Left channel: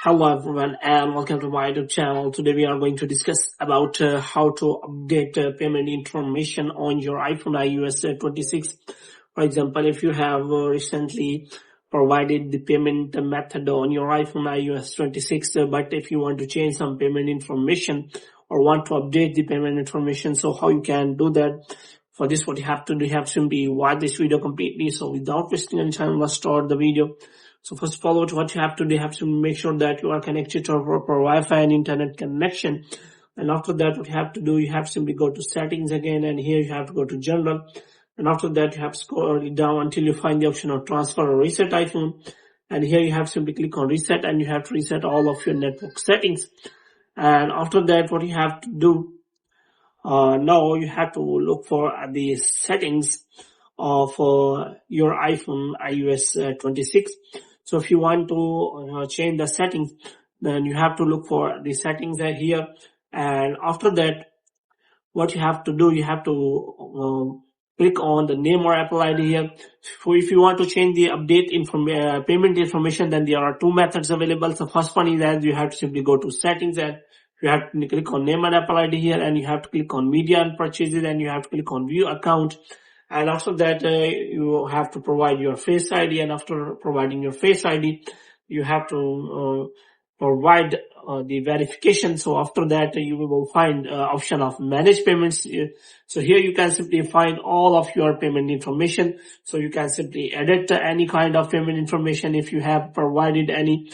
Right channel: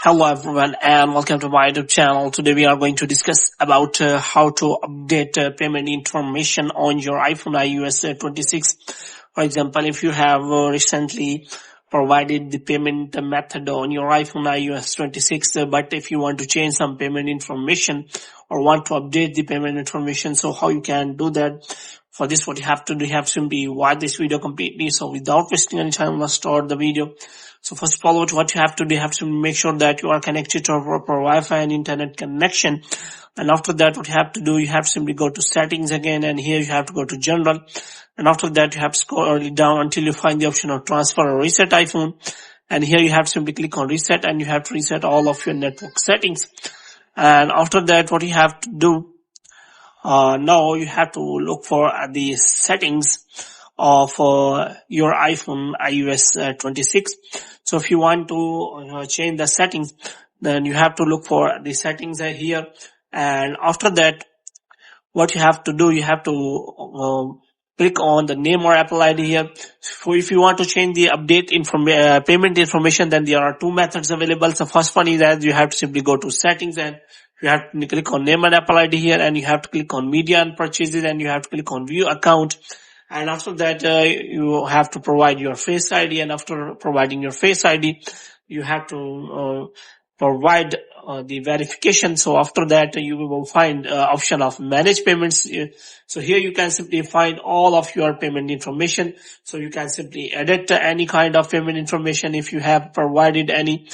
Hello everyone and welcome to my YouTube channel. Today we are going to discuss about how to update payment information on your iPhone iOS 26. For example, if you have recently provided the payment method on your iPhone iOS 26, but if you want to change some payment information or want to update the payment information, so how you can do that? For this, what you have to do, you have to simply watch this video completely. So without wasting any time, let's start the video. So first of all, what you have to do, you have to make sure that you are connected to a proper Wi-Fi and internet connection. And after that, what you have to do, you have to simply go to settings again, and here you have to go to general. And after that, you have to scroll down until you find the option of transfer or reset iPhone. And here you have to simply click on reset, and you have to reset all of your network settings. And after that, what you have to do, now you have to look for the settings of your iPhone iOS 26. So if you want to change the settings, then you have to look for the settings here. And after that, what you have to do, you have to click on the name or Apple ID here. So if you want to change the update payment information, then there are two methods available. So first one is that you have to simply go to settings, and you have to click on name and Apple ID here, and you have to click on media and purchases, and you have to click on view account. And after that, you have to provide your Face ID, and after providing your Face ID, you have to provide the verification. So after that, you will find option of manage payments. So here you can simply find all of your payment information. So you can simply edit any kind of payment information if you have provided any.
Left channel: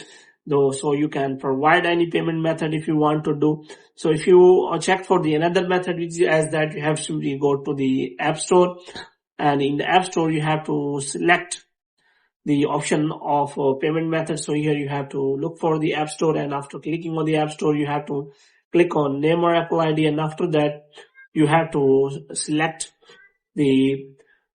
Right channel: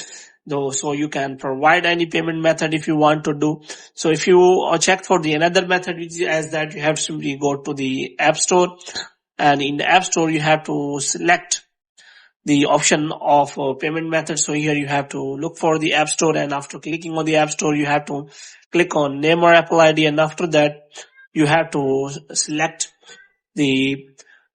So you can provide any payment method if you want to do. So if you check for the another method, which is as that you have to simply go to the App Store, and in the App Store you have to select the option of payment method. So here you have to look for the App Store, and after clicking on the App Store, you have to click on name or Apple ID, and after that you have to select the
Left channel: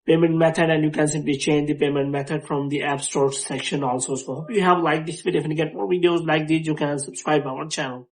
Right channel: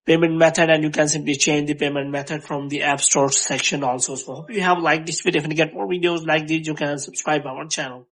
payment method, and you can simply change the payment method from the App Store section also. So hope you have liked this video. If you get more videos like this, you can subscribe our channel.